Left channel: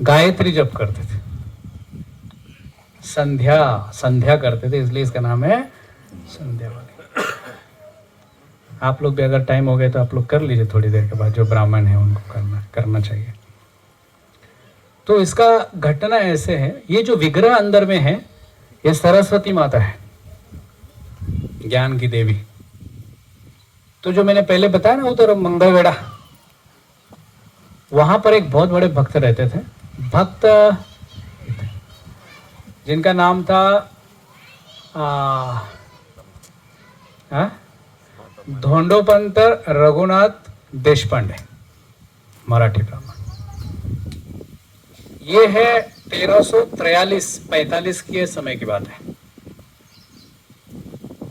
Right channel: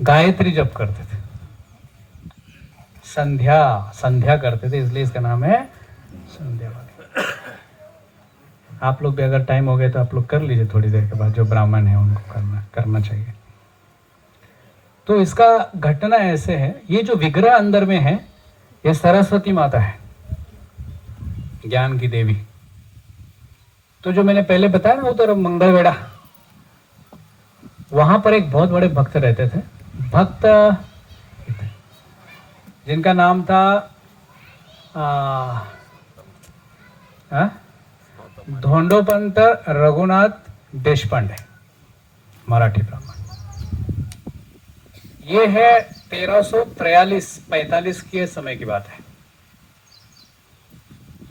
गायत्री जप करते थे, संध्या संध्या करते थे, इसलिए इसका नाम है संध्या वाणी। आप लोग भी अगर टाइम हो गया तो आप लोग कर लीजिए थोड़ी देर के बाद, जो ब्राह्मण है उनको करना चाहिए। तो इसका घटना ऐसे है, ये जो विग्रह अंदर में है ये सरस्वती माता है, ज्ञान की देवी। तो जो मैंने पहले बताया ना उधर मंगलवेढ़ा, वहां पर एक बहुत बड़े भक्त रहते थे, भक्त जिनका नाम था धोंडोपंत रघुनाथ देशपांडे, मराठी ब्राह्मण। ये है 1343-45 के समय की बात है।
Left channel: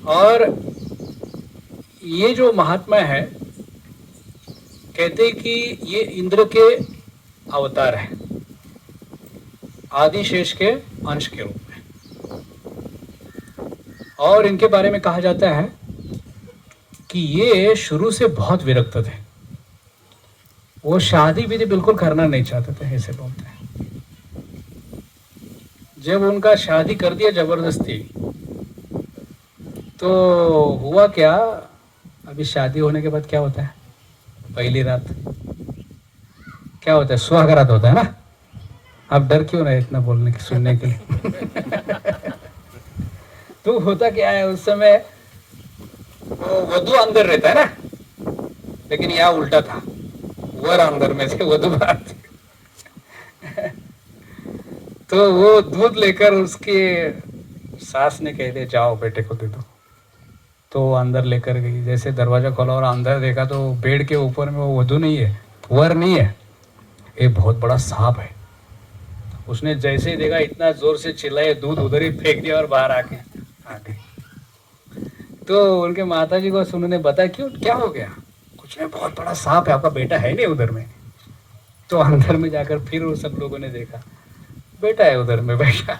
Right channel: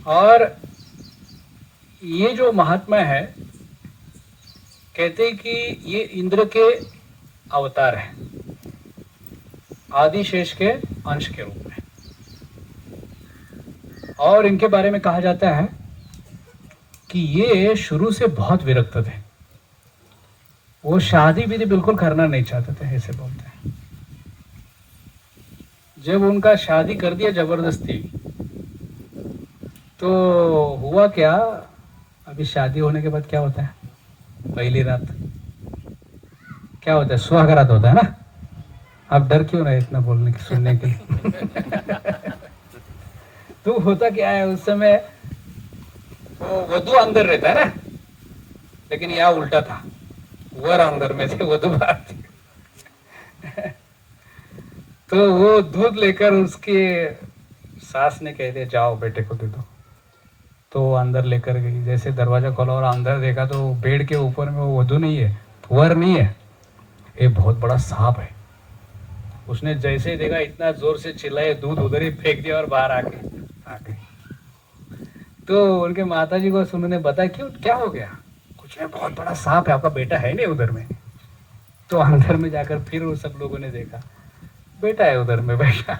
और ये जो महात्मा है, कहते हैं कि ये इंद्र के अवतार है, आदिशेष के अंश के रूप में। और इनके बारे में कहा जाता है कि ये शुरू से बहुत विरक्त थे, वो शादी विधि बिल्कुल करना नहीं चाहते थे, ऐसे बोलते हैं। जब उनका शादी कर दिया जबरदस्ती, तो हुआ क्या, अभी शादी होने के बाद क्या होता है, पहली रात क्या होता है, सुहागरात होता है ना। आप डर क्यों रहे इतना बोलने की, सुनने के लिए? तो होता क्या है उस समय, वो वधू अंदर रहता है ना, लेकिन यहाँ उल्टा था, वर अंदर में थे, वधू बाहर थी। तो वो दूध लेकर उसके सास ने कह दिया जाओ बेटे को दे दो, तो वो अंदर लेकर गई। जैसे दरवाजा खोला और अंदर देखा तो बेड के ऊपर में वो वधू नहीं है, वर नहीं है, ये बहुत बड़ा सांप है। उसने जैसे ही देखा इतना जोर से चिल्लाए, दूध उधर ही फेंक दिया और बाहर आके आ गई। तो उनके माताजी को उन्होंने बताया क्यों, क्या हो गया? कुछ नहीं, बहुत बड़ा सांप है, आपका बेटा है नहीं उधर में। तो अंदर में जाकर फिर वो सब लोगों ने देखा, बेटा है उधर में बैठा।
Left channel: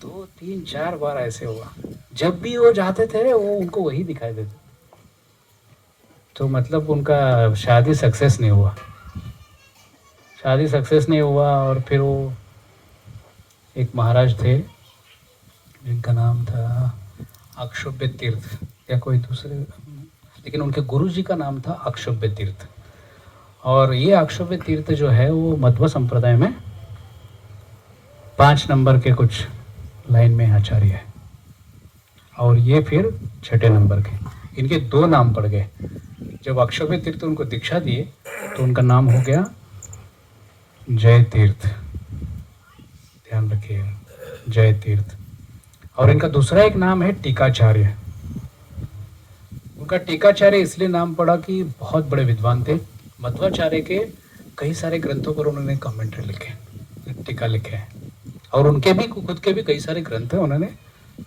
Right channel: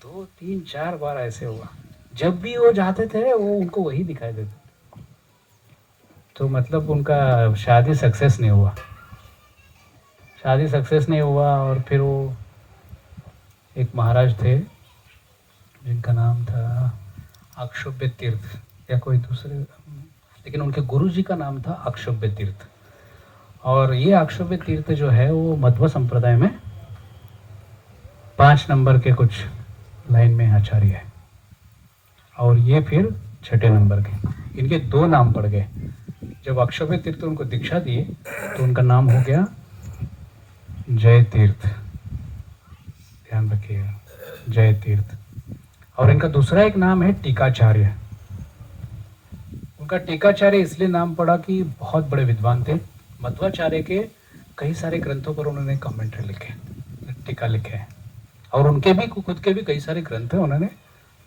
2-3-4 बार ऐसे हुआ, जब भी वो जाते थे वो उनको वही दिखाई देते। तो मतलब उनका शादी सक्सेस नहीं हुआ, शादी सक्सेस नहीं हुआ। और फिर वो एक महाराज थे जिनका नाम था अक्षोभ्य तीर्थ या कोई दूसरे, लेकिन उनके गुरु जी का नाम था अक्षोभ्य तीर्थ। और ये अक्षोभ्य तीर्थ जो है वो मध्व संप्रदाय में 5 नंबर के कुछ लाइन में आचार्य है, और ये फिर 6 नंबर के। इनके 2 नाम पड़ गए। जब अक्षोभ्य तीर्थ उनको दीक्षा दिए तो उनका नाम हो गया जय तीर्थ, ध्यान रखिएगा, जय तीर्थ। और इनका दूसरा एक नाम है टीकाचार्य। उनका टीकाचार्य इसलिए नाम पड़ा कि बहुत बड़े विद्वान थे। मध्वाचार्य के कई सारे ग्रंथों पर उन्होंने कमेंट्री लिखे, टीका लिखे हैं, और उनके भी खुद के भी कई सारे ग्रंथ उन्होंने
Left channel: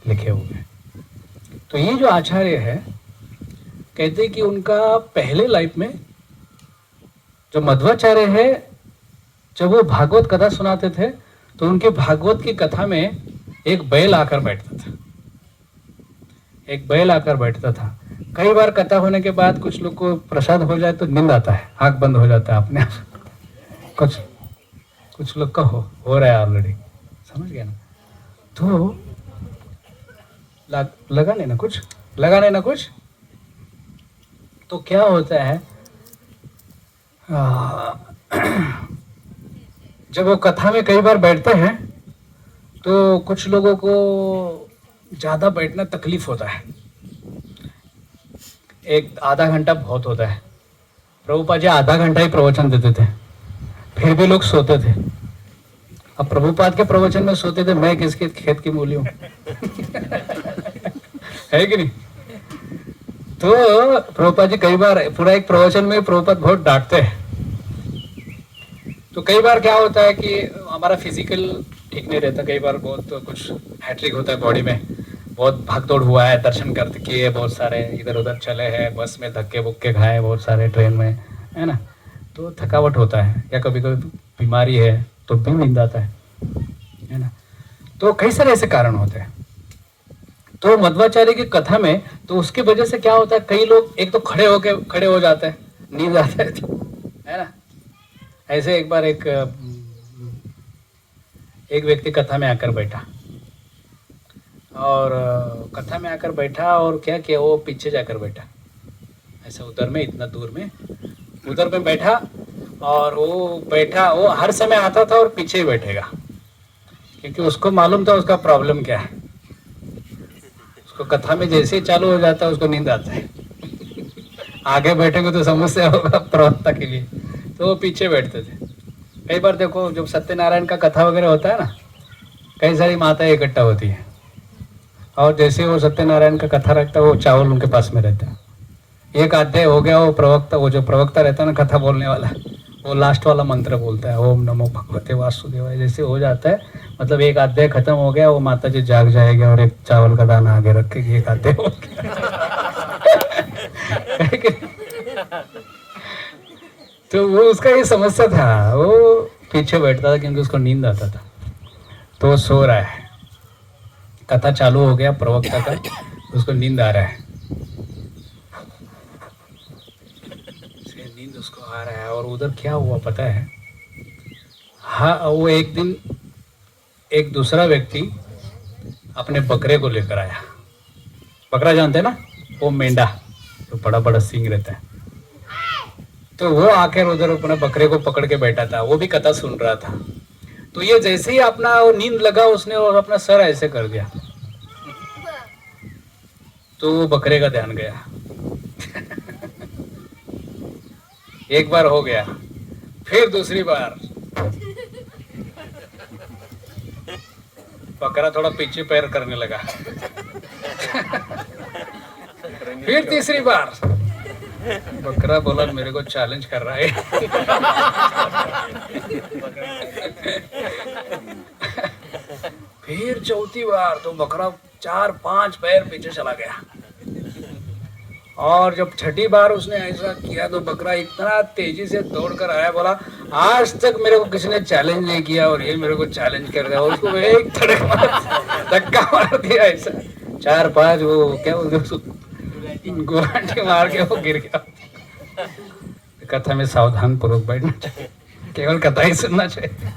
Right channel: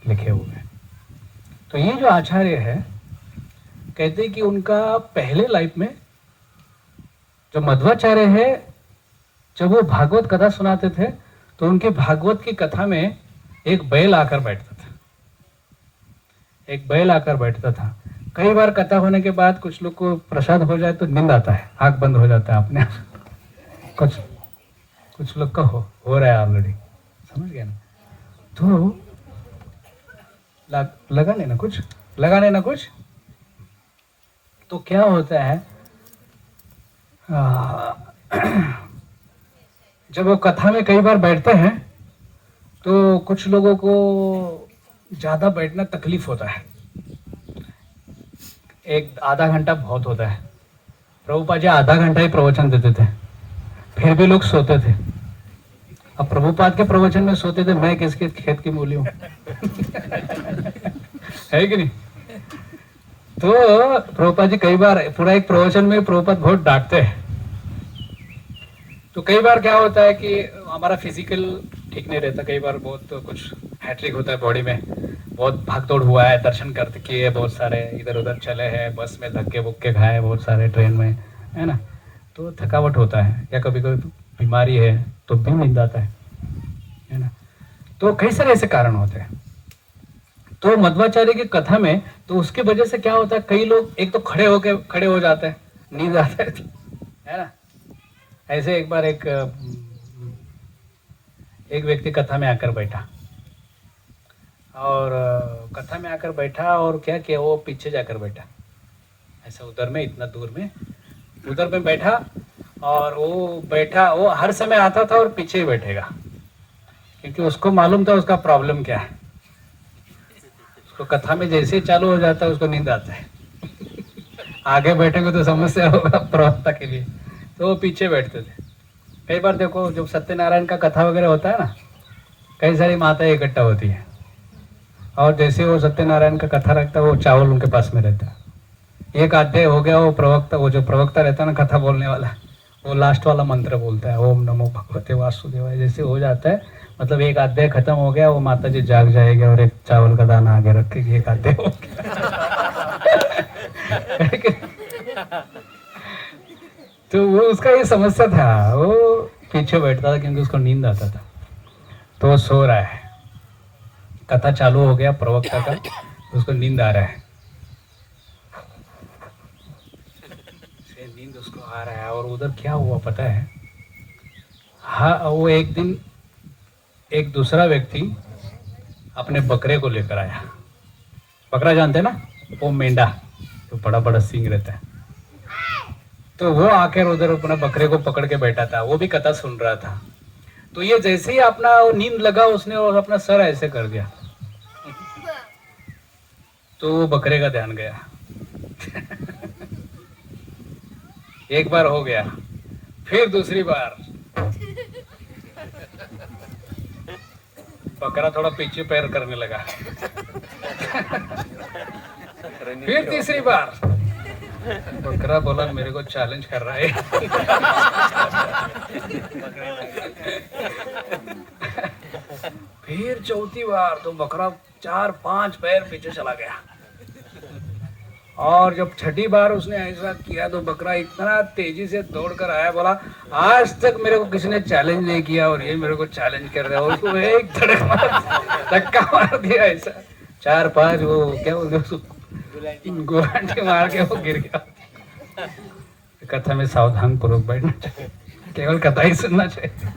लिखे हुए हैं। तो ये जो आचार्य है, कहते हैं कि उनका पहले लाइफ में जो मध्वाचार्य है, जब वो भागवत कथा सुनाते थे तो उनके भागवत की कथा में एक बैल आकर बैठता था, एक बैल आकर बैठता था। कई बार कथा होने के बाद कुछ लोग को प्रसाद हो जाए तो नींद आता है, आंख बंद हो जाता है अपने आप। कुछ लोग का हो रहा है ऑलरेडी, समझ गया ना? तो लगा लेना कुछ। तो क्या होता है, जब वो कथा में कई बार बैठते हैं तो कुछ लोगों को ज़्यादा बैठना तकलीफ होता है, 1-आधा घंटा बहुत होता है। प्रभुपाद जी आधा घंटा ही प्रवचन देते थे, फिर भी लोग सोते थे। अब प्रभुपाद के प्रवचन में सोते थे, मैं किसके खेत की मूली हूँ? है कि नहीं? तो प्रभुपाद जी कई बार पूरा एक प्रवचन में प्रभुपाद बहुत डांटते हैं। तो कई बार क्या होता है कि हमारा फिजिकल ठीक नहीं रहता, कई बार बहुत कुछ हैट्रिक होता है बॉडी में, बहुत भागदौड़ हुआ है, दर्शन करते किए, बहुत सारे इधर उधर चले हैं, बस में धक्के बुक्के खाए बहुत सारे, ट्रेन में, है ना? तो थकावट होता है, या कभी कभी बीमारी है तो भी नींद आता है ना? तो कई सारे ऐसे कारण होते हैं। तो मध्वाचार्य की कथा में तो उसकी वजह से क्या होता है, कई लोग एक तो खड़े हो जाते हैं, नींद आता है तो, है ना? ऐसे एक बार एक व्यक्ति कथा में आकर बैठा, और कथा में आकर बैठा और क्या किया, वो पीछे जाकर बैठा, ऐसे उधर में, इतना दूर में उधर में बैठा, और वो बैठा, वो हर समय आता था और पीछे ही बैठेगा, क्योंकि उसको मालूम था उसका प्रॉब्लम क्या है। उसको कथा में जैसे ही चालू हो जाता है उसको नींद आता है। आगे बैठेंगे तो समस्या होगा प्रवक्ता के लिए, तो वो पीछे बैठते थे। कई बार देखो जब सत्यनारायण का कथा वगैरह होता है ना, कई सारी माताएं इकट्ठा होती है, और जैसे वो सत्यनारायण का कथा रखता है वो चावल उनके पास में रहता है। एक अध्याय हो गया, वो प्रवक्ता, वो जो प्रवक्ता रहता है ना कथा बोलने वाला, वो लास्ट वाला मंत्र बोलता है, ओम नमो भगवते वासुदेवाय। जैसे हो जाता है, मतलब एक अध्याय खत्म हो गया, वो माता जी जाग जाएगी और एक चावल का दाना आगे रखेगी, एक अध्याय हो गया। तो वो उसका ये समस्या था, वो पीछे बैठता था क्योंकि उसको नींद आता था, तो वो सो रहा है, कथा चालू हो गया प्रवक्ता का, उसको नींद आ रहा है, नींद उसको आ रहा है। और उधर क्या हुआ पता है, हाँ, वो एक दिन एक दूसरा व्यक्ति अपने बकरे को लेकर आया। बकरा जानते हैं ना, वो मेंढा तो बड़ा बड़ा सींग रहता है, तो वो आकर उधर अपना बकरे को पकड़ के बैठा था, वो भी कथा सुन रहा था। तो ये जैसे ही अपना नींद लगा उसने और अपना सर ऐसे कर दिया, तो वो बकरे का ध्यान गया। एक बार हो गया, फिर दूसरी बार बकरा थोड़ा पीछे पैर करने लगा। फिर तीसरी बार बकरा बोला मेरे को चैलेंज कर रहा है। फिर चौथी बार तो बकरा 4-5 पैर पीछे चला गया, और जब छठी बार उसने ऐसा किया तो बकरा इतना तेजी से दौड़कर आया, बोला आज तक मेरे को किसी ने चैलेंज नहीं किया और ये मेरे को चैलेंज कर रहा है। उसको एक धक्का मार दिया ऐसा, 4-5 वो क्या गुलाटी मार के वो गिर गया। कथा में सावधान पूर्वक बैठना चाहिए, केवल कथा ही सुनना चाहिए।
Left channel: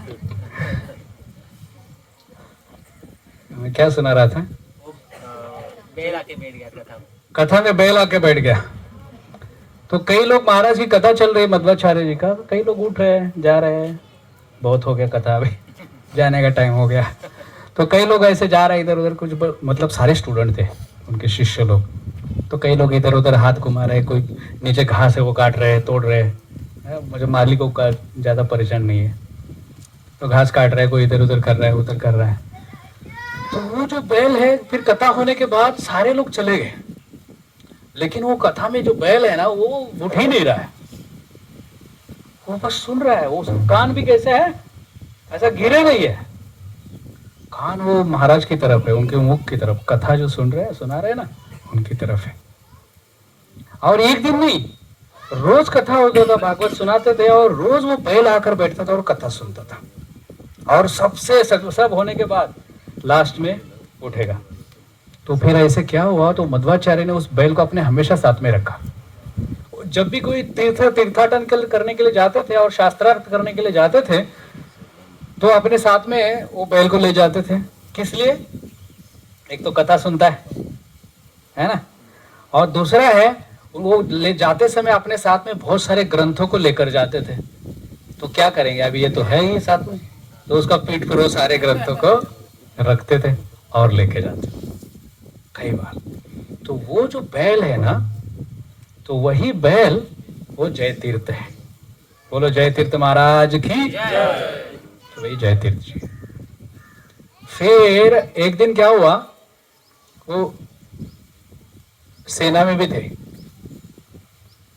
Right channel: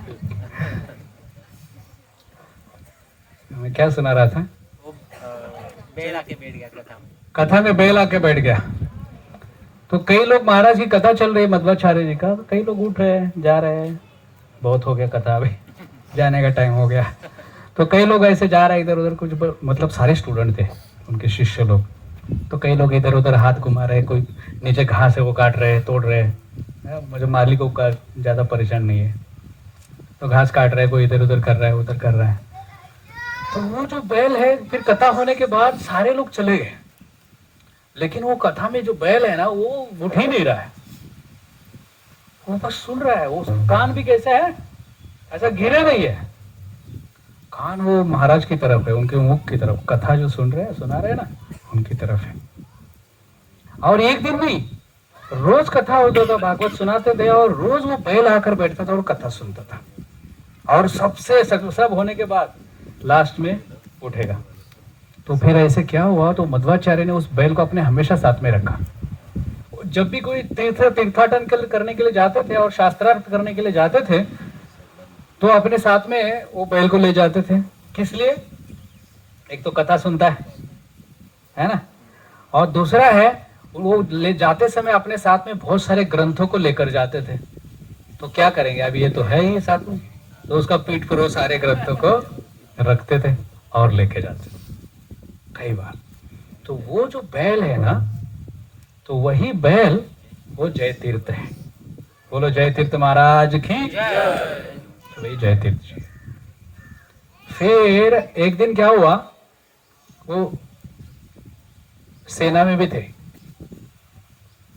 मैं क्या सुना रहा था, बैल आके बैठ गया कथा में बैल आके बैठ गया। तो कई लोग, महाराज की कथा चल रही है मध्वाचार्य जी का, कई लोग उठ रहे हैं, जा रहे हैं, बहुत हो गया कथा, अभी जाने का टाइम हो गया। तो कई लोग ऐसे जा रहे हैं इधर उधर, कुछ मतलब सारे स्टूडेंट थे उनके शिष्य लोग, तो कई लोग इधर उधर हाथ घुमा रहे, कोई नीचे घास है वो काट रहे हैं, तोड़ रहे हैं। मुझे मालिकों का ज़्यादा परेशान नहीं है, तो घास काट रहे हैं, कोई इधर उधर कर रहा है, उधर कर रहा है। तो वो जो बैल है, फिर कथा होने के बाद सारे लोग चले गए, लेकिन वो कथा में जो बैल है ना वो उठ ही नहीं रहा है, वो बस सुन रहा है। वो कान भी कैसा है, ऐसा गिरे नहीं है, कान वो महाराज की तरफ है, उनके मुख की तरफ, कथा जो सुन रहे हैं, सुना रहे हैं ना, उनकी तरफ है। और एक दिन नहीं, रोज कथा होता था, भागवत सुनाते थे, और रोज वो बैल आकर बैठता था और कथा सुनता था, और सबसे सब होने के बाद लास्ट में उठेगा। तो फिर ऐसे क्या हुआ, तो मध्वाचार्य ने उस बैल को अपने हमेशा साथ में रखा। जब भी कोई तीर्थाटन करने के लिए जाते थे और शास्त्रार्थ करने के लिए जाते थे, तो अपने साथ में वो बैल को ले जाते थे। किस लिए, एक तो कथा सुनता है ना, और दूसरा है वो ले जाते समय अपने साथ में बहुत सारे ग्रंथों को लेकर जाते थे। तो क्या करेंगे, अभी ये तो है ही साथ में, तो उसका पीठ पर वो सारे ग्रंथों को रखते थे और लेके जाते थे कई बार। तो वो जो बैल है ना, तो वही बैल वो जय तीर्थ है। बोलो जय तीर्थ महाराज की जय। तो वही जय तीर्थ जी। फिर एक दिन क्या हुआ, वो सेना में भी थे,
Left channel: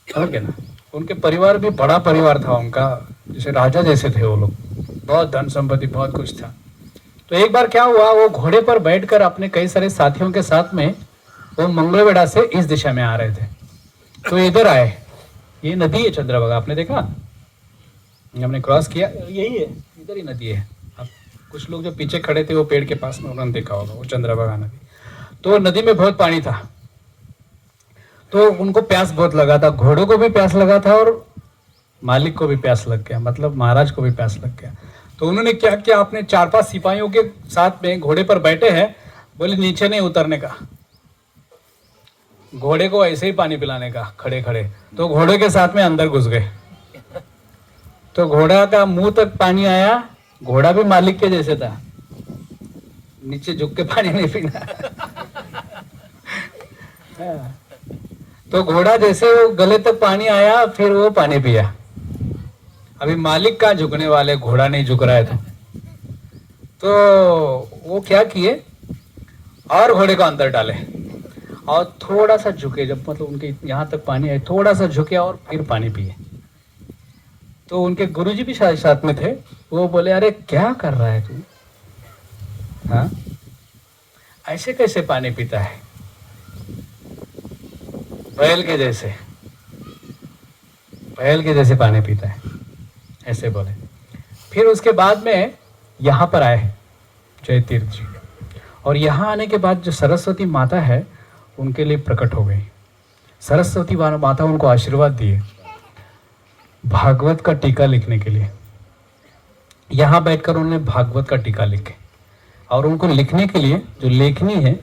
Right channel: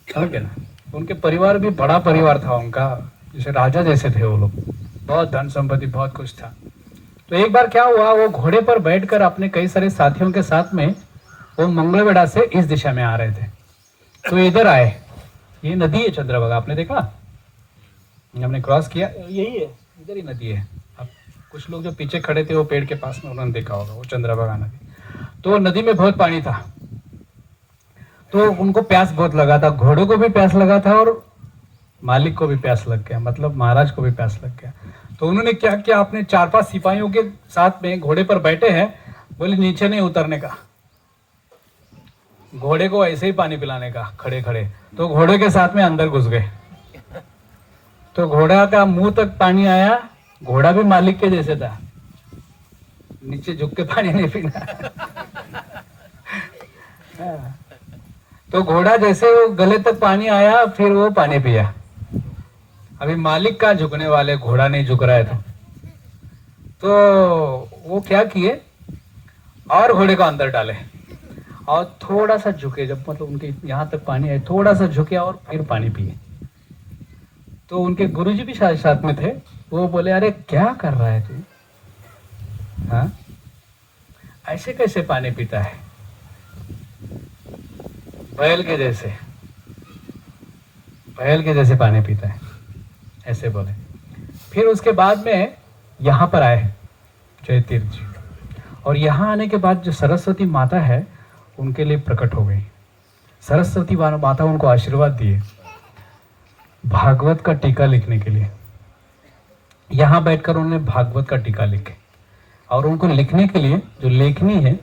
ना, उनके परिवार भी बड़ा परिवार था उनका, जैसे राजा जैसे थे वो लोग, बहुत धन संपत्ति बहुत कुछ था। तो एक बार क्या हुआ, वो घोड़े पर बैठकर अपने कई सारे साथियों के साथ में वो मंगलवेढ़ा से इस दिशा में आ रहे थे। तो इधर आए, ये नदी है चंद्रभागा, आपने देखा, हमने क्रॉस किया, यही है, इधर ही नदी है। अब कुछ लोग जो पीछे खड़े थे वो पेड़ के पास में, उन्होंने देखा होगा वो चंद्रभागा नदी। तो नदी में बहुत पानी था, तो उनको प्यास बहुत लगा था, घोड़ों को भी प्यास लगा था, और मालिक को भी प्यास लग गया, मतलब महाराज को भी प्यास लग गया। तो उन्होंने क्या किया, अपने 4-5 सिपाहियों के साथ में घोड़े पर बैठे हैं, बोले नीचे नहीं उतरने का, घोड़े को ऐसे ही पानी पिलाने का खड़े खड़े। तो घोड़े के साथ में अंदर घुस गए, तो घोड़ा का मुंह तक पानी आया, घोड़ा भी मालिक के जैसे था, नीचे झुक के पानी नहीं पीना। तो घोड़ा जैसे वो गले तक पानी आया, फिर वो पानी पिया। अभी मालिक का झुकने वाले, घोड़ा नहीं झुक रहा है। तो वो क्या किए, और घोड़े को अंदर डाले और थोड़ा सा झुके, जब मतलब उनके यहाँ तक पानी आए, थोड़ा सा झुके और फिर पानी पिए। तो उनके गुरुजी भी साथ में थे, वो बोले अरे क्या कर रहा है तू, हाँ ऐसे कैसे पानी पीता है, बैल के जैसे, बैल के जैसे पानी पीता है, ऐसे बोले। फिर उसके बाद में यहाँ पर आए जय तीर्थ जी, और यहाँ आने के बाद जो सरस्वती माता है उनके लिए प्रकट हो गई। सरस्वती माता उनको आशीर्वाद दिए भागवत का टीका लिखने के लिए। यहाँ बैठकर उन्होंने भागवत का टीका लिखे, और उनको लिखने के लिए जो लेखनी है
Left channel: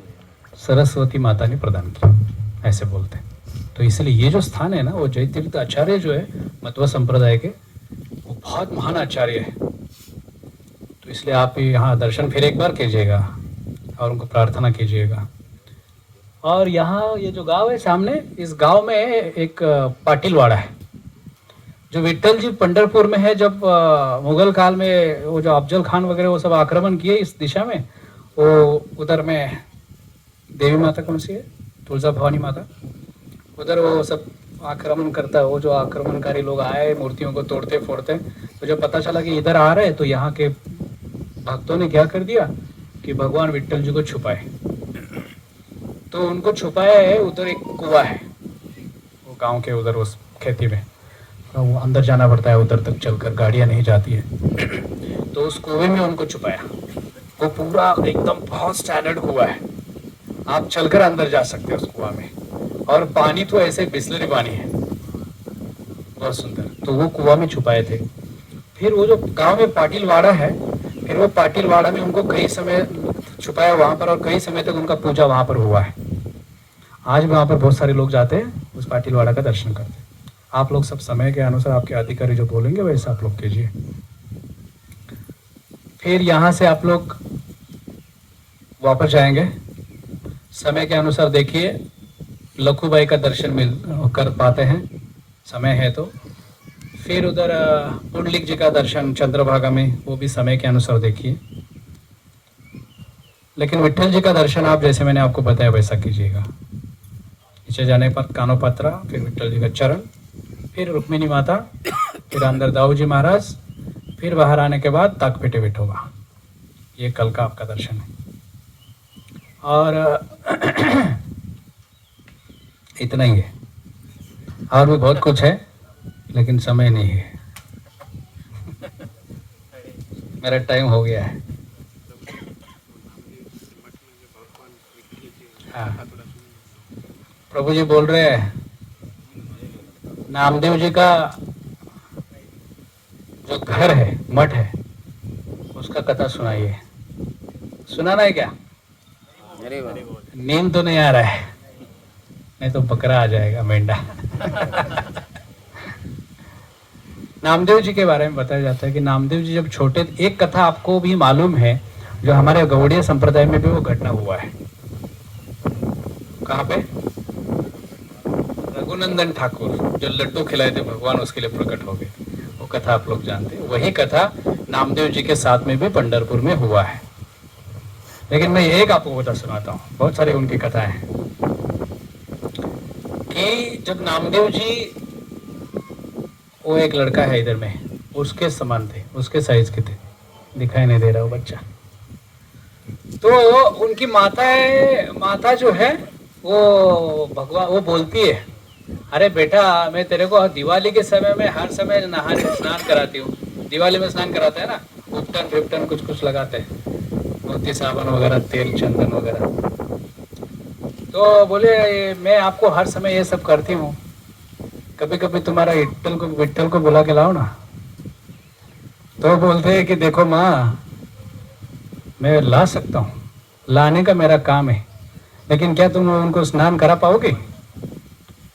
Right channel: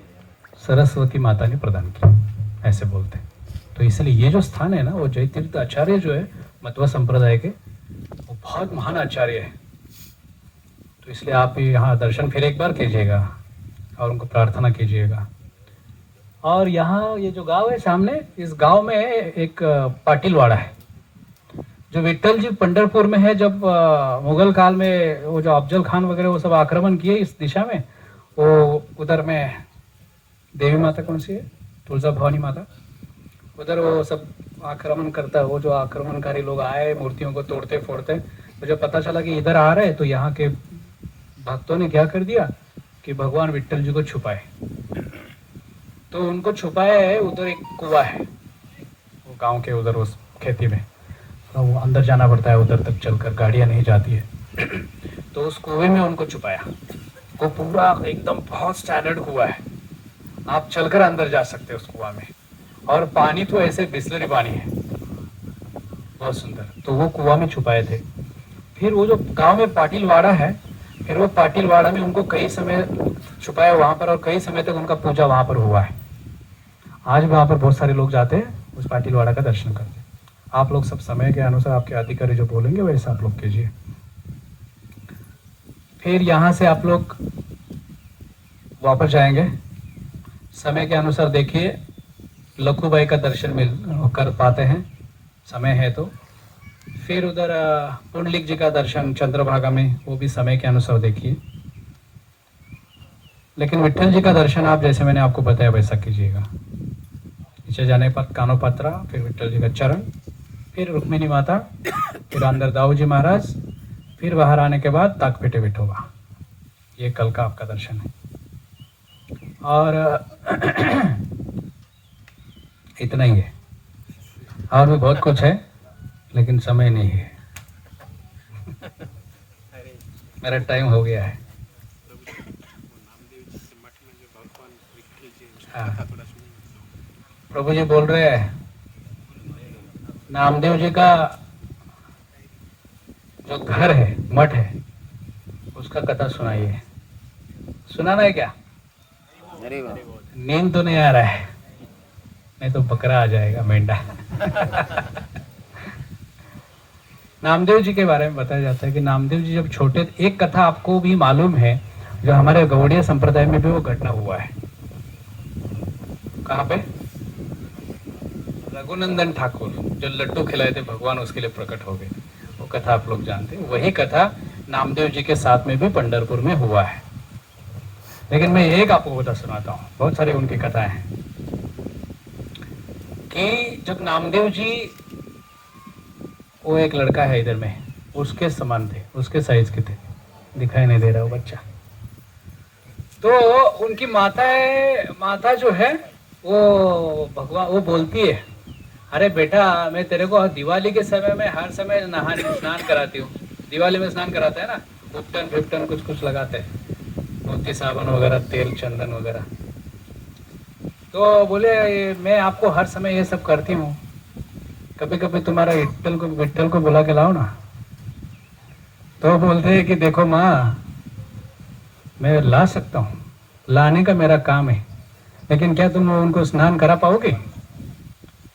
सरस्वती माता ने प्रदान की, ऐसे बोलते हैं। तो इसलिए ये जो स्थान है ना, वो जय तीर्थ आचार्य जो है मध्व संप्रदाय के, वो बहुत महान आचार्य है। तो इसलिए आप यहाँ दर्शन फिर एक बार कीजिएगा और उनको प्रार्थना कीजिएगा। और यहाँ ये जो गांव है सामने, इस गांव में एक पाटिलवाड़ा है, जो विट्ठल जी पंढरपुर में है। जब मुगल काल में वो जो अफजल खान वगैरह वो सब आक्रमण किए इस दिशा में, वो उधर में देवी माता कौन सी है, तुलजा भवानी माता, उधर वो सब आक्रमण करता है। वो जो आक्रमणकारी लोग आए मूर्तियों को तोड़ते फोड़ते, तो जब पता चला कि इधर आ रहे, तो यहाँ के भक्तों ने क्या कर दिया कि भगवान विट्ठल जी को छुपाए। तो उनको छुपाया है, उधर एक कुआं है वो गांव के उधर उस खेती में, तो वो अंदर जाना पड़ता है, उधर तक चलकर गाड़ियां नहीं जाती है। तो उस कुएं में उनको छुपाया। वो पूरा एकदम बहुत स्टैंडर्ड कुआं है, आप चलकर अंदर जा सकते हो उस कुआं में, और पानी तो ऐसे बिस्लरी पानी है, बहुत सुंदर। तो वो कुआं में छुपाए थे। फिर वो जो गांव में पाटिलवाड़ा है, फिर वो पाटिलवाड़ा में उनको कई समय छुपाया वहां पर, और कई समय तक उनका पूजा वहां पर हुआ है। आज वहां पर बहुत सारे लोग जाते हैं, उस पाटिलवाड़ा का दर्शन करते हैं। आप लोग सब समय के अनुसार आपके अधिकारी जो बोलेंगे वैसा आप लोग कीजिए। फिर यहाँ से आप लोग वापस जाएंगे, समय के अनुसार देखिए लखूबाई का दर्शन कर पाते हैं, समय है तो। फिर उधर पुंडलिक जी का दर्शन चंद्रभागा में, वो भी समय के अनुसार देखिए। लेकिन विट्ठल जी का दर्शन आप जैसे मैंने आपको बताया वैसा कीजिएगा। नीचे जाने पर कानोपात्रा, फिर विट्ठल जी का चरण, फिर रुक्मिणी माता, फिर अंदर दाऊ जी महाराज, फिर बाहर आने के बाद ताकपेटे विठोबा। ये कल का आपका दर्शन है। और इतना ही है, और भी बहुत कुछ है लेकिन समय नहीं है, मेरा टाइम हो गया है। हाँ, प्रभु जी बोल रहे हैं नामदेव जी का जो घर है, मठ है, उसका कथा सुनाइए। सुनाना है क्या? अरे वाह, नींद तो नहीं आ रहा है, नहीं तो बकरा आ जाएगा, मेंढा। नामदेव जी के बारे में बताया जाता है कि नामदेव जी जब छोटे, एक कथा आपको भी मालूम है जो हमारे गौड़िया संप्रदाय में भी वो घटना हुआ है। कहाँ पे? रघुनंदन ठाकुर जो लड्डू खिलाए थे भगवान, उसके लिए प्रकट हो गए, वो कथा आप लोग जानते हैं। वही कथा नामदेव जी के साथ में भी पंढरपुर में हुआ है। लेकिन मैं एक आपको बता सुनाता हूँ, बहुत सारी उनकी कथाएं हैं कि जब नामदेव जी, वो एक लड़का है इधर में, उसके समान थे, उसके साइज के थे, दिखाई नहीं दे रहा वो बच्चा। तो उनकी माता जो है वो भगवान, वो बोलती है अरे बेटा, मैं तेरे को दिवाली के समय में हर समय स्नान कराती हूँ। दिवाली में स्नान कराते हैं ना, उपटन फिप्टन कुछ कुछ लगाते हैं, मोती साबुन वगैरह, तेल चंदन वगैरह। तो बोले मैं आपको हर समय ये सब करती हूँ, कभी कभी तुम्हारा विट्ठल को बुला के लाओ ना, तो बोलते हैं कि देखो माँ, मैं ला सकता हूँ, लाने का मेरा काम है, लेकिन क्या तुम उनको स्नान करा पाओगे?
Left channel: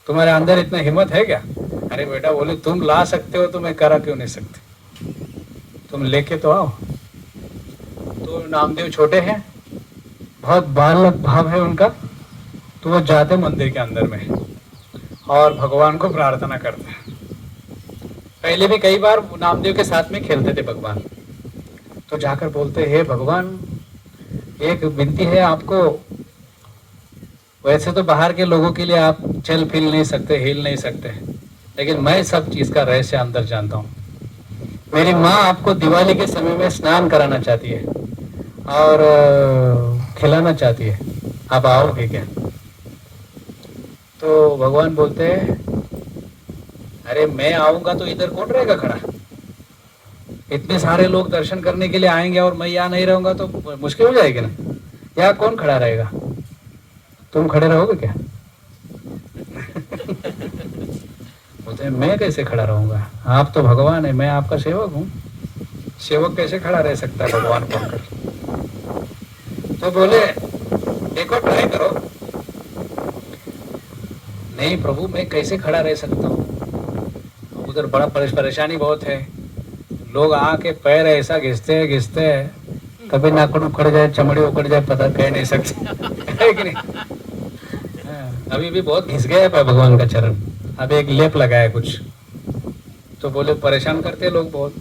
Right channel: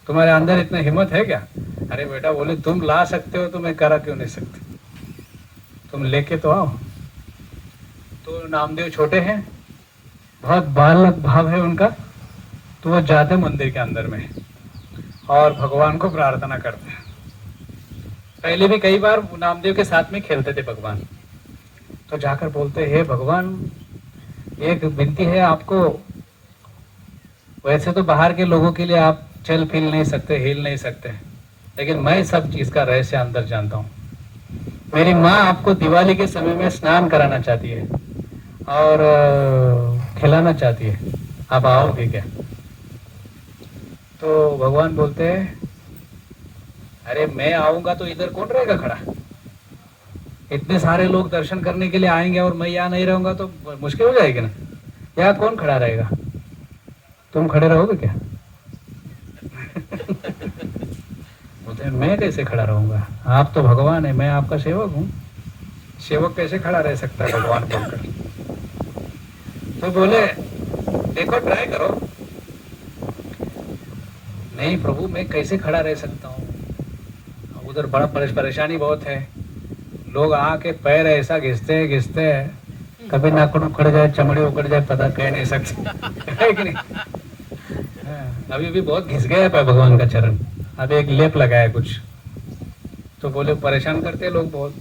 तुम्हारे अंदर इतना हिम्मत है क्या? अरे बेटा बोले, तुम ला सकते हो तो मैं करा क्यों नहीं सकती? तुम लेके तो आओ। तो नामदेव छोटे हैं, बहुत बालक भाव है उनका, तो वो जाते मंदिर के अंदर में और भगवान को प्रार्थना करते हैं। पहले भी कई बार नामदेव के साथ में खेलते थे भगवान, तो जाकर बोलते, हे भगवान, एक विनती है आपको, वैसे तो बाहर के लोगों के लिए आप चल फिर नहीं सकते, हिल नहीं सकते, लेकिन मैं सब चीज का रहस्य अंदर जानता हूँ। मेरी माँ आपको दिवाली के समय में स्नान कराना चाहती है और खिलाना चाहती है, आप आओगे क्या? तो भगवान बोलते हैं, अरे मैं आऊंगा तो इधर कौन रहेगा खड़ा? इतने सारे लोग दर्शन करने के लिए आएंगे और मैं यहाँ नहीं रहूंगा तो मुश्किल हो जाएगी ना। यहाँ कौन खड़ा रहेगा? तुम खड़े रहोगे क्या? बोलते हैं, मैं कैसे खड़ा रहूंगा? आप तो भगवान है, मैं आपका सेवक हूँ, सेवक कैसे खड़ा रह सकता है भगवान बनकर? तो बोले, देखो ट्राई करो। नहीं प्रभु, मैं कैसे खड़ा रह सकता हूँ? उधर बड़ा परेशानी बहुत है, लोग आके पैर ऐसा घिसते हैं, कभी नाखून उखड़ जाए, चमड़ी उखड़ जाए, पता कह नहीं सकते है कि नहीं? अभी भी बहुत घिस गया है भगवान का चरण, अभी एक लेप लगाया कुछ। तो बोले परेशान करते लोग बहुत,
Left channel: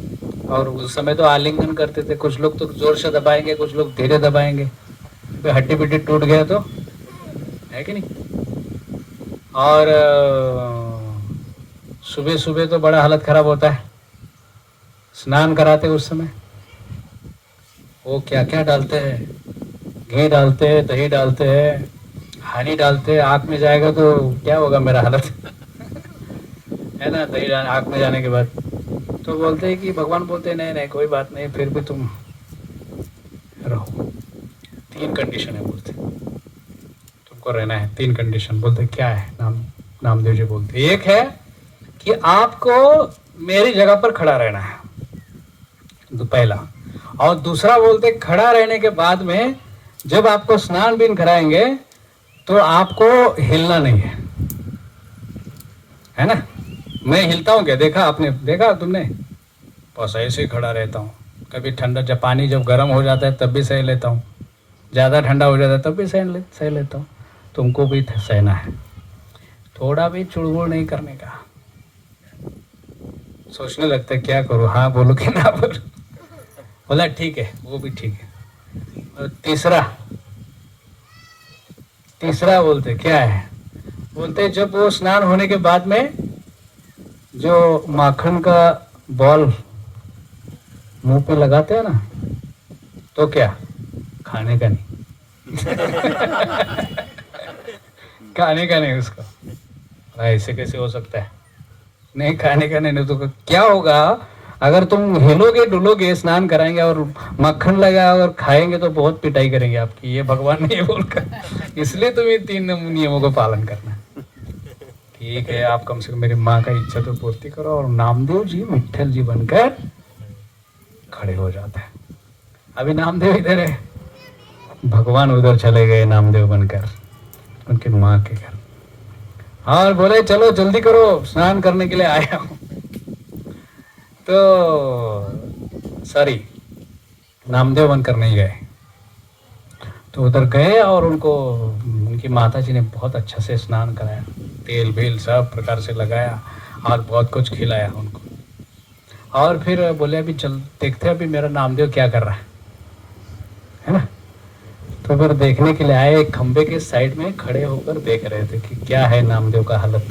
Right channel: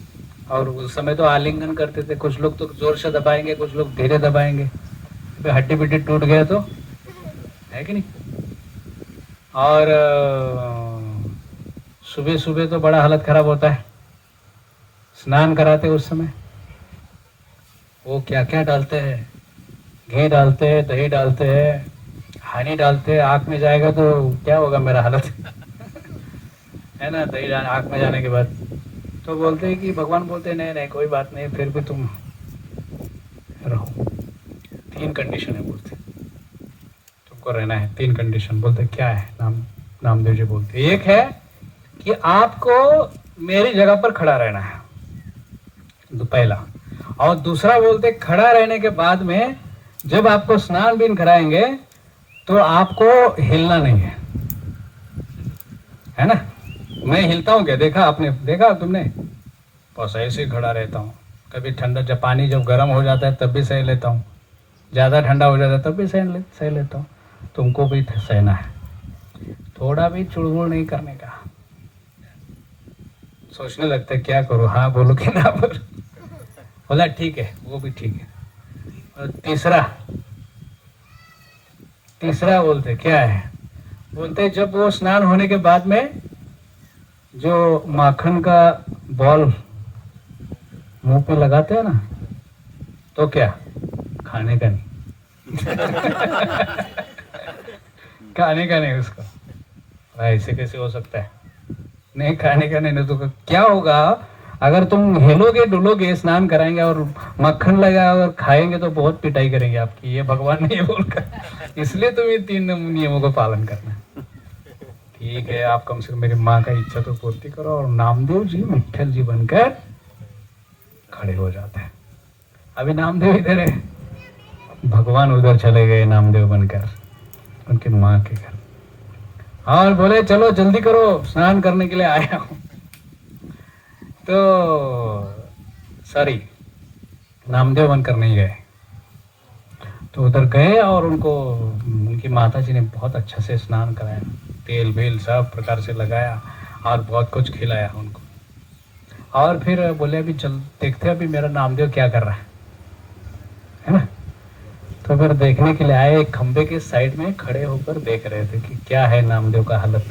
और उस समय तो आलिंगन करते थे, कुछ लोग तो जोर से दबाएंगे, कुछ लोग धीरे दबाएंगे, हड्डी बिड्डी टूट गया तो है कि नहीं? और सुबह सुबह तो बड़ा हालत खराब होता है, स्नान कराते उस समय वो क्या क्या डालते हैं, घी डालते हैं, दही डालते हैं, हनी डालते हैं। आँख में जाएगा तो क्या होगा मेरा हालत है ना, दही आँख में जाने के बाद। तो बोलते हैं कि भगवान बोलते हैं, नहीं नहीं कोई बात नहीं, फिर भी तुम रहो, 3 कंडीशन है बोलते, तुमको रहना है, 3 कंडीशन। बोलते क्या है? नामदेव जी बोलते, एक है कि आपको मेरी जगह पर खड़ा रहना है, पहला। और दूसरा बोलते, खड़ा रहने के बाद में जब आपको स्नान बीन कराएंगे तो आपको हिलना नहीं है ना? मैं हिलता हूँ क्या? देखा आपने? देखा तुमने? बस ऐसे ही खड़ा रहता हूँ। कभी ठंडा, जब पानी जब गर्म हो जाता है तब भी सह लेता हूँ, ज़्यादा ठंडा हो जाता है तब भी सह लेता हूँ। तुमको भी सहना है, थोड़ा भी चुड़बुड़ नहीं करने का। सोचने लगता है क्या करूँ, हाँ बोलो कि ना बोलो? बोला ठीक है, वो भी ठीक है। और तीसरा बोलते क्या है? बोलते जब वो स्नान होने के बाद में जो माखन का बॉल मुंह पे लगाते हैं ना, तो क्या खाने का नहीं खाने का नहीं उसको। ऐसे कैसे हो सकता है? नहीं खाने का नहीं तो क्या होगा? अगर तुम हिलोगे डुलोगे, स्नान कराएंगे और मक्खन लगा और खाएंगे तो बहुत पिटाई करेंगे आपकी, ये भगवान ने ये बोलकर। इसलिए तुम ये 3 नियमों को पालन करना। ठीक है, आप कम से कम मेरी माँ का इच्छा तो पूर्ति करो। और नामदेव जी विट्ठल जी बनकर खड़े हो जाते हैं। अभी नामदेव इधर है, भगवान उधर चले गए नामदेव बनकर उनकी माँ के घर, और बोले चलो जल्दी करो, स्नान करने के लिए आया हूँ। तो सॉरी, नामदेव बनकर नहीं गए, तो उधर गए और उनको उनकी माता जी ने बहुत अच्छा से स्नान कराया, तेल बेल सब प्रकार से लगाया और बहुत कुछ खिलाया उनको। और फिर बोले अभी चल देखते हैं अभी मेरा नामदेव क्या कर रहा है ना? तो फिर देखने के लिए आए, एक खंबे के साइड में खड़े होकर देख रहे थे कि क्या है नामदेव का हालत।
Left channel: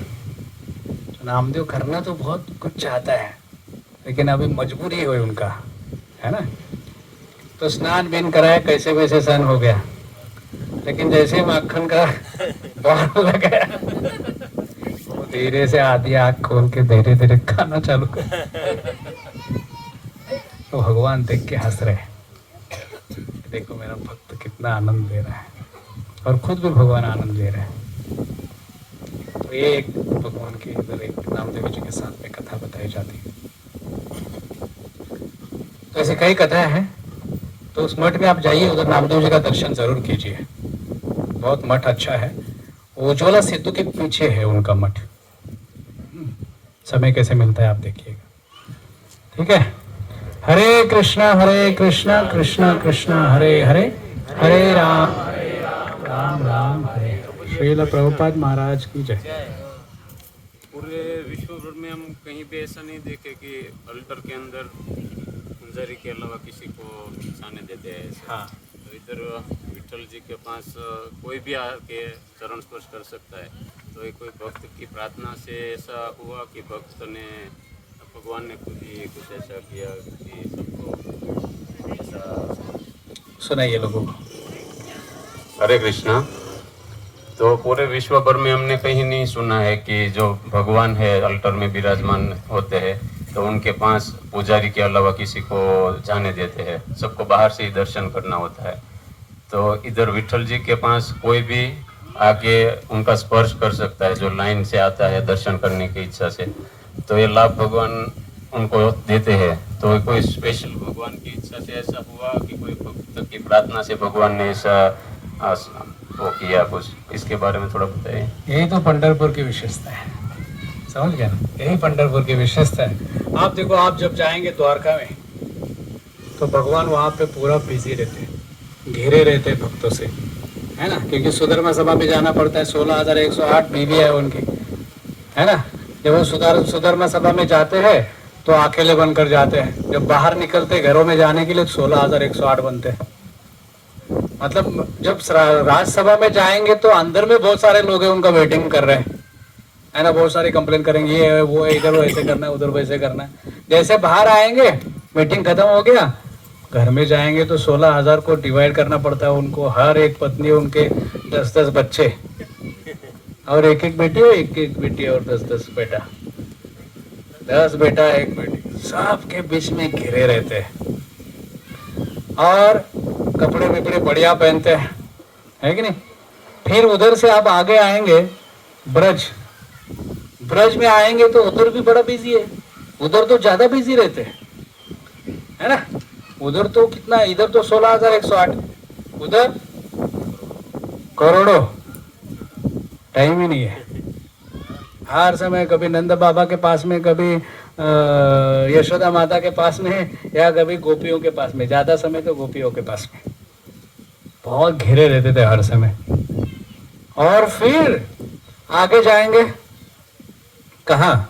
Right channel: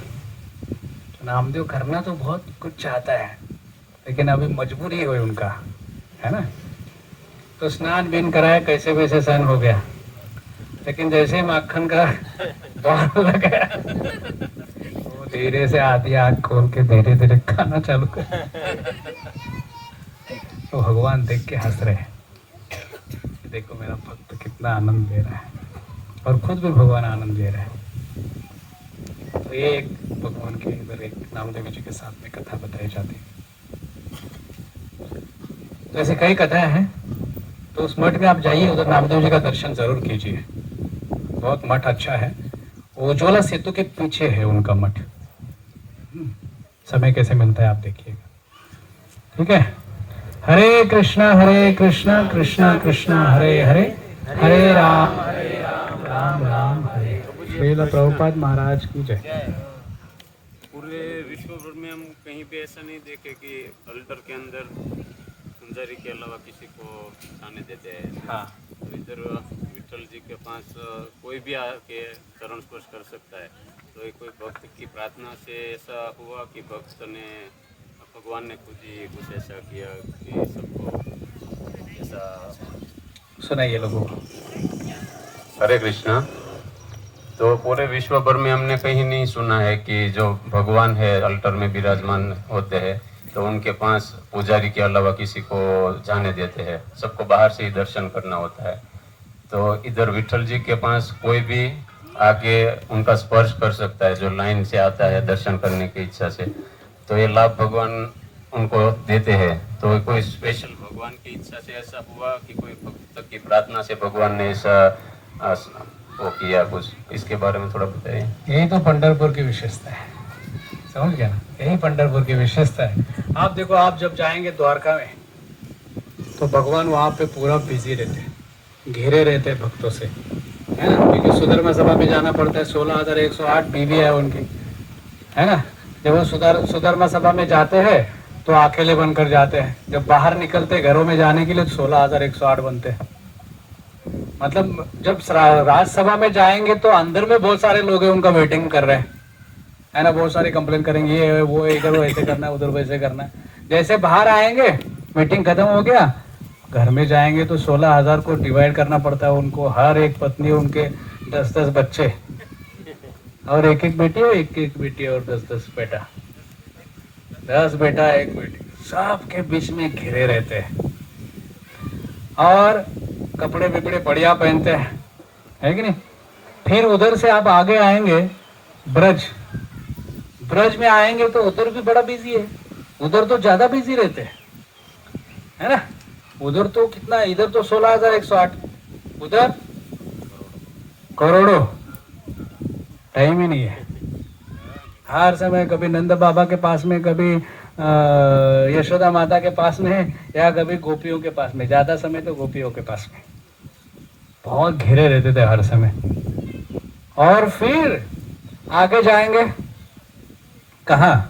नामदेव करना तो बहुत कुछ चाहता है, लेकिन अभी मजबूरी हुई उनका, है ना? तो स्नान बीन कराया, कैसे वैसे सहन हो गया, लेकिन जैसे माखन का बॉल लगाया, धीरे से आधी आँख खोल के धीरे धीरे खाना चालू कर। तो भगवान देख के हंस रहे, देखो मेरा भक्त कितना आनंद ले रहा है, और खुद भी भगवान आनंद ले रहे हैं। तो तो ये एक भगवान के इधर एक नामदेव जी के साथ में कथा बताई जाती है। तो ऐसे कई कथाएं हैं। तो उस मठ में आप जाइए, उधर नामदेव जी का दर्शन जरूर कीजिए। बहुत मठ अच्छा है। उज्ज्वला सेतु के पीछे है उनका मठ। समय कैसे मिलता है आप देखिएगा, ठीक है। हरे कृष्णा कृष्णा कृष्णा हरे हरे, हरे राम राम राम हरे हरे। श्रील प्रभुपाद महाराज की जय। पूरे विश्व भर में हम कहीं पे ऐसा नहीं देखे कि अल्टर के अंदर पुजारी के अलावा किसी को जाने देते हैं। हाँ, तो इधर विठल जी के पास कोई भी आके चरण स्पर्श कर सकता है। तो ये कोई भक्त की प्रार्थना से ऐसा हुआ कि भक्त ने भगवान ने खुद ही कुछ ऐसा किया कि सबको ऐसा। सुनाइए लोगों को। हरे कृष्णा। तो पूरे विश्व भर में हमने कहीं नहीं सुना है कि जो भगवान है अल्टर में विराजमान होते हैं तो उनके पास पुजारी के अलावा किसी को जाने देते हैं। सबको बाहर से ही दर्शन करना होता है। तो इधर विठल जी के पास कोई भी आके उनका स्पर्श कर सकता है जो लाइन से आता है दर्शन करने की इच्छा से। तो ये लाभ भगवान उनको देते हैं। तो कोई स्पेशल भगवान की इच्छा से ऐसा हुआ कि कोई भक्त की प्रार्थना से भगवान ने ऐसा वो किया कुछ, इसके बारे में थोड़ा बताइए। यही तो पंढरपुर की विशेषता है, समझ गए ना। यही पंढरपुर की विशेषता है। आप देखो, आप जब जाएंगे द्वारका में तो भगवान वहाँ पे पूरा बिजी रहते, घेरे रहते भक्तों से, है ना। क्योंकि सुधर्मा सभा में जाना पड़ता है। 16,108 बीवी है उनकी, है ना। जब वो सुधर्मा सभा में जाते हैं तो अकेले बनकर जाते हैं। जब बाहर निकलते घरों में जाने के लिए तो 16,108 बनते हैं। मतलब जब राज्यसभा में जाएंगे तो अंदर में बहुत सारे लोग हैं उनका वेटिंग कर रहे हैं, है ना। बहुत सारे कंप्लेन करेंगे, ये वो इधर वैसे करना है, उधर वैसे करना है। जैसे बाहर आएंगे, मीटिंग खत्म हो गया, घर में जाएंगे तो 16,000 को डिवाइड करना पड़ता है उनको। हर एक पत्नी, उनके 10-10 बच्चे और एक एक बेटी और 10-10 बेटा, 10 बेटा 1 बेटी, सबके बीच में घिरे रहते हैं। और कपड़े विपड़े बढ़िया पहनते हैं, है कि नहीं। फिर उधर से आप आगे आएंगे ब्रज में आएंगे तो उधर भी बड़ा बिजी है। उधर तो ज्यादा बिजी रहते हैं, है ना। उधर तो कितना, इधर तो 16,108, उधर करोड़ों। टाइम ही नहीं है। हर समय कभी नंद बाबा के पास में, कभी यशोदा माता के पास में, या कभी गोपियों के पास में। ज्यादा समय तो गोपियों के पास में। बहुत घिरे रहते थे हर समय। और फिर आगे जाएंगे कहाँ,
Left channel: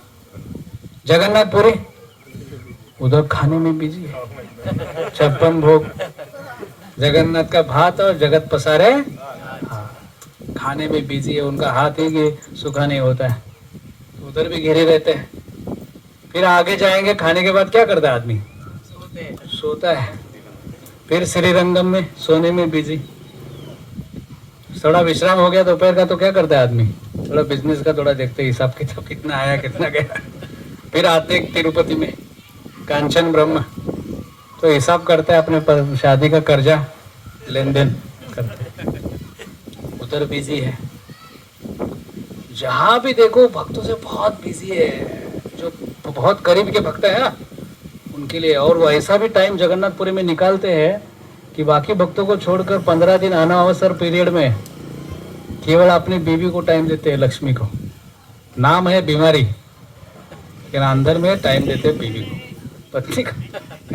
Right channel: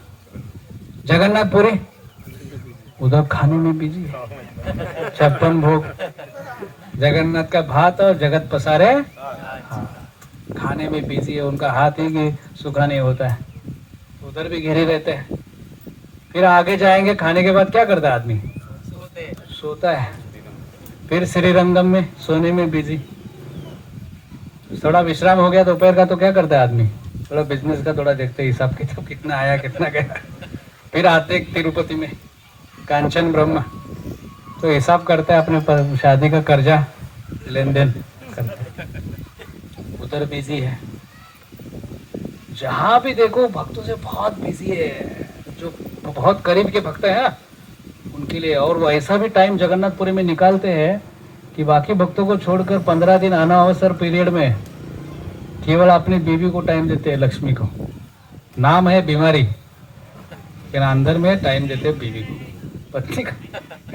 जगन्नाथपुरी, उधर खाने में बिजी, 56 भोग, जगन्नाथ का भात और जगत पसारे, हाँ, खाने में बिजी है। उनका हाथ ही कि सूखा नहीं होता है, उधर भी घिरे रहते हैं। फिर आगे जाएंगे, खाने के बाद क्या करता है आदमी, सोता है। फिर श्रीरंगम में सोने में बिजी। थोड़ा विश्राम हो गया दोपहर का तो क्या करता है आदमी, थोड़ा बिजनेस का थोड़ा देखते, हिसाब किताब कितना आया कितना गया। फिर आते तिरुपति में कांचन ब्रह्म, तो हिसाब करता है अपने शादी का कर्जा लेन देन करते, उधर बिजी है। जहां भी देखो भक्तों से बहुत बिजी है। जो बहुत करीब के भक्त है ना उनके लिए। और वो ऐसा भी टाइम जगन्नाथपुरी में निकालते हैं कि बाकी भक्तों को छोड़कर 15 दिन अनावसर पीरियड में केवल अपनी बीवी को टाइम देते हैं, लक्ष्मी को। नाम है बीमारी, लेकिन अंदर में टाइम देते हैं बीवी को, पत्नी को,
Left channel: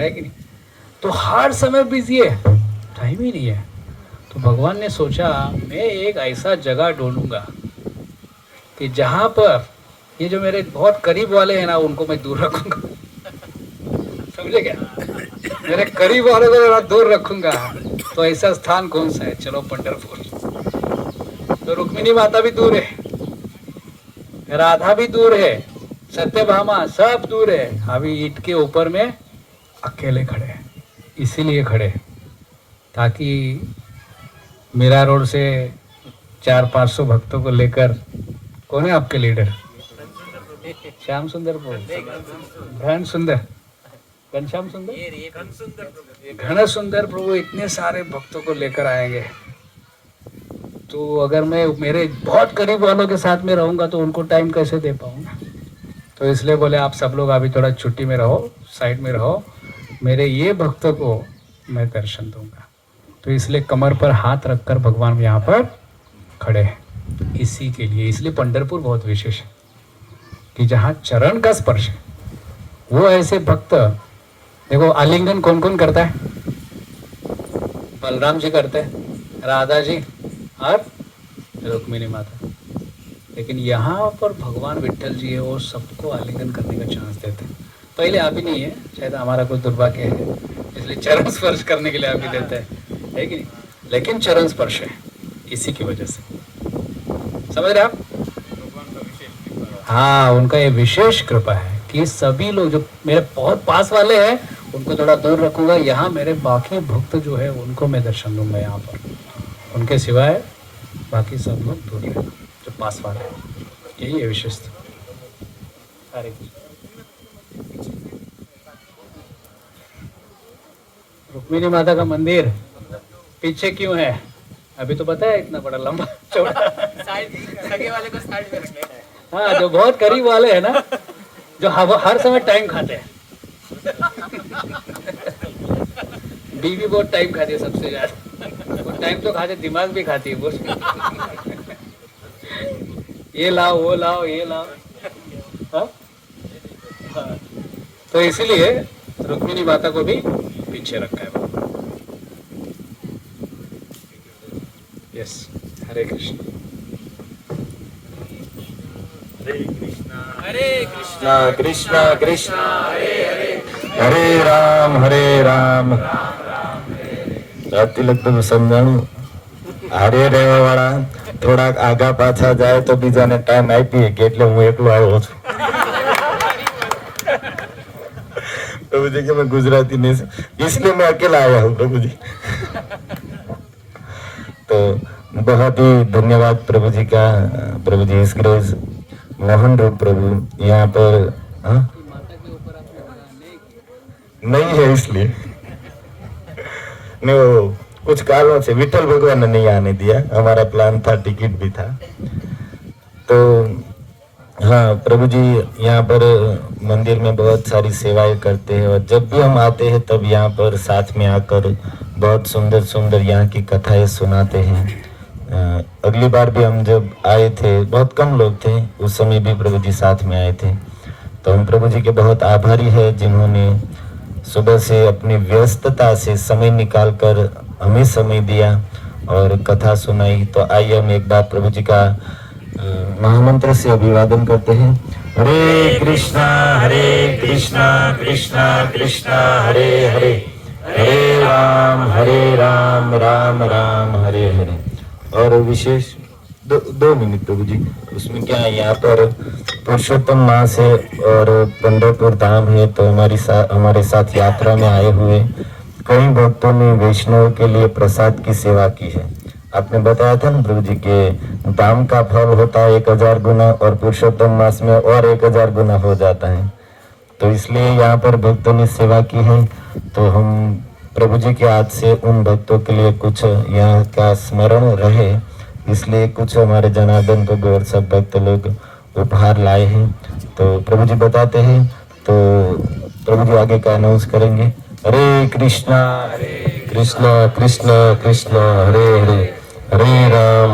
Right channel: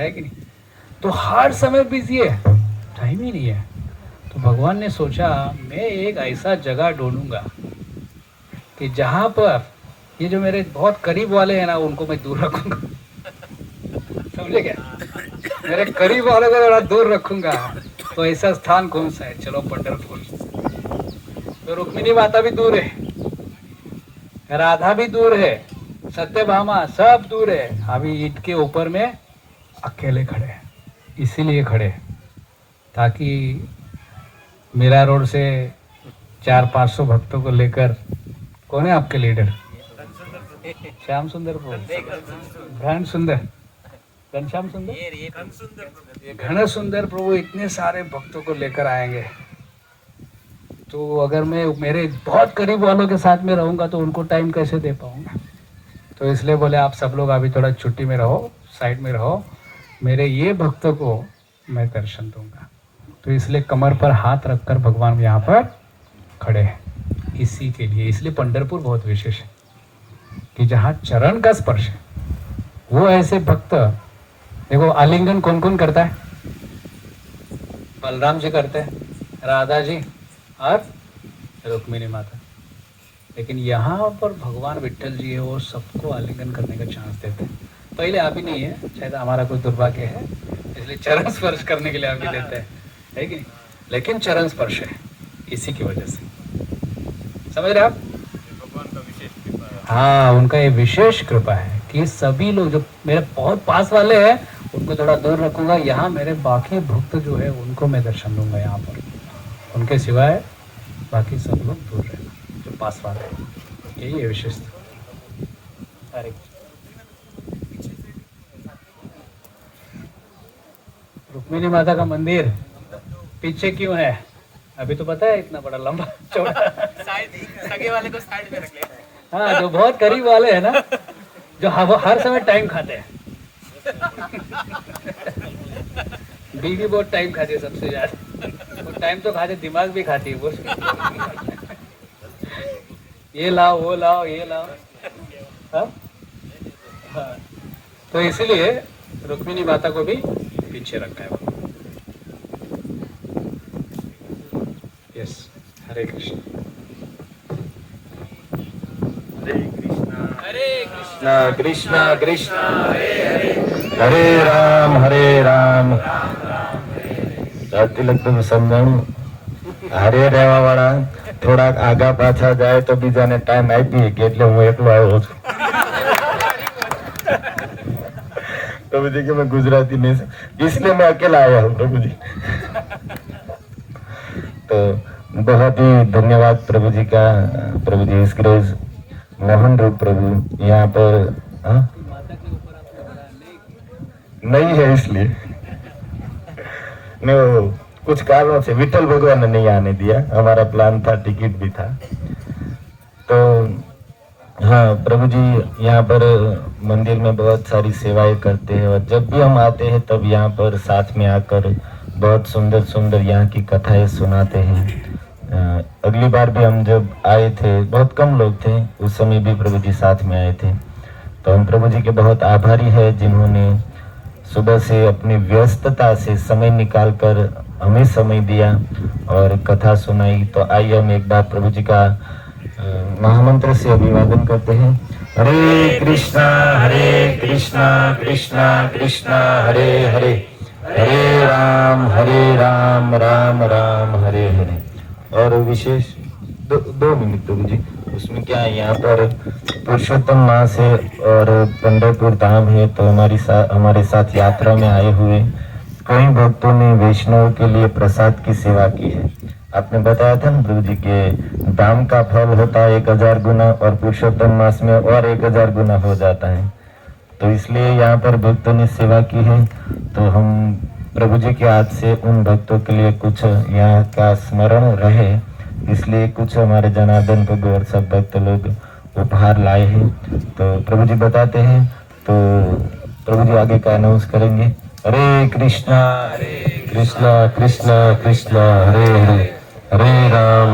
है कि नहीं। तो हर समय बिजी है, टाइम ही नहीं है। तो भगवान ने सोचा मैं एक ऐसा जगह ढूंढूंगा कि जहां पर ये जो मेरे बहुत करीब वाले हैं ना उनको मैं दूर रखूंगा। समझे क्या, मेरे करीब वालों को जरा दूर रखूंगा। तो ऐसा स्थान कौन सा है, चलो पंढरपुर। तो रुक्मिणी माता भी दूर है, राधा भी दूर है, सत्यभामा सब दूर है। अभी ईंट के ऊपर में अकेले खड़े हैं। इसीलिए खड़े ताकि मीरा रोड से 400-500 भक्तों को लेकर, कौन है आपके लीडर, श्याम सुंदर प्रभु, घन सुंदर, घनश्याम सुंदर, घन सुंदर प्रभु, इतने सारे भक्तों को लेकर आएंगे। तो अगर मैं मेरे बहुत करीब वालों के साथ में रहूँगा तो उनको टाइम कैसे दे पाऊँगा। तो इसलिए बोले आप सब लोग अभी थोड़ा छुट्टी में रहो, साइड में रहो, मेरे ये भक्तों को मैं दर्शन दूंगा। तो इसलिए कमर पर हाथ रखकर भगवान यहाँ पर खड़े हैं इसी के लिए। इसलिए पंढरपुर बहुत विशेष है कि जहाँ चरण का स्पर्श है वो ऐसे भक्त। देखो आलिंगन कौन कौन करता है? बलराम जी करते हैं, राधा जी और रुक्मिणी माता। लेकिन यहाँ पर भगवान विट्ठल जी है, वो सबको आलिंगन करने का चांस देते हैं। पहले आप ही नहीं है, शायद हमारा कोई दुर्भाग्य है, इसलिए चरण स्पर्श करने के लिए आप ही देते हैं, है कि नहीं? लेकिन चरण स्पर्श है इसी की वजह से, समझ रहे आप? हाँ, उनका ये विशेष कृपा है कि सभी लोग जो मेरे बहुत पास वाले हैं उनको थोड़ा दूर रखूंगा, यहाँ मेरे बाकी भक्त जो है उनको मैं दर्शन दूंगा यहाँ पर, उनके सिवाय बाकी सब लोग दूर रहे जो पास वाले हैं। यही है विशेषता। हरे रुक्मिणी माता का मंदिर पीछे क्यों है अभी तो पता है, इतना बड़ा लंबा चौड़ा। साइड सगे वाले को साइड में रखना है। हाँ, जो बहुत करीब वाले हैं ना, जो हर समय टाइम खाते हैं। बीवी बहुत टाइम खाती है सबसे ज्यादा, टाइम तो खाते, दिमाग भी खाती है वो। ये लाओ, वो लाओ, ये लाओ। हाँ? हाँ। तो इसीलिए रुक्मिणी माता को भी पीछे रखा है। यस, हरे कृष्ण। कृष्णा कृष्णा कृष्णा हरे हरे, हरे राम तिलक तो समझाणु હારે રહેવા વાળા થોડા આગા પાછા જાય તો બીજાને ટાઈમ આપીએ કે એટલે હું એકલો આવ્યો છું। प्रभु जी कि मैं गुजराती नहीं, इसलिए मैं अकेला आया हूँ प्रभु जी। तो बहुत ही धन्यवाद प्रभु जी का। प्रभु जी इस ग्रेज मोहन रूप प्रभु यहाँ पर नहीं है, इसलिए नहीं, वो कुछ कारणों से विठल भगवान ने नहीं आने दिया, हमारा प्लान था, टिकट भी था। तो हाँ, प्रभु जी यहाँ पर मंदिर में बहुत सारी सेवाएं करते हैं और जब भी हम आते हैं तब यहाँ पर साथ में आकर बहुत सुंदर सुंदर यहाँ की कथाएं सुनाते हैं। अगली बार भी हम जब आए थे, बहुत कम लोग थे, उस समय भी प्रभु जी साथ में आए थे। तो हम प्रभु जी के बहुत आभारी है जिन्होंने सुबह से अपनी व्यस्तता से समय निकाल कर हमें समय दिया और कथा सुनाई। तो आइए हम एक बार प्रभु जी का महामंत्र से अभिवादन करते हैं। हरे कृष्णा कृष्णा कृष्णा हरे हरे, हरे राम राम राम हरे हरे। और विशेष दो मिनट प्रभु जी, उसमें क्या है, यहाँ पर पुरुषोत्तम मास है और पंढरपुर धाम है, तो हमारे साथ यात्रा में आए हुए कई भक्तों ने वैष्णव के लिए प्रसाद की सेवा की है। आपने बताया था ना प्रभु जी के दाम का फल होता है 1000 गुना और पुरुषोत्तम मास में और 1000 गुना हो जाता है। तो इसलिए यहाँ पर भक्तों ने सेवा की है। तो हम प्रभु जी के हाथ से उन भक्तों के लिए कुछ यहाँ का स्मरण रहे, इसलिए कुछ हमारे जनार्दन प्रभु और सब भक्त लोग उपहार लाए हैं। तो प्रभु जी बताते हैं, तो प्रभु जी आगे का अनाउंस करेंगे। हरे कृष्णा कृष्णा कृष्णा कृष्णा हरे हरे, हरे राम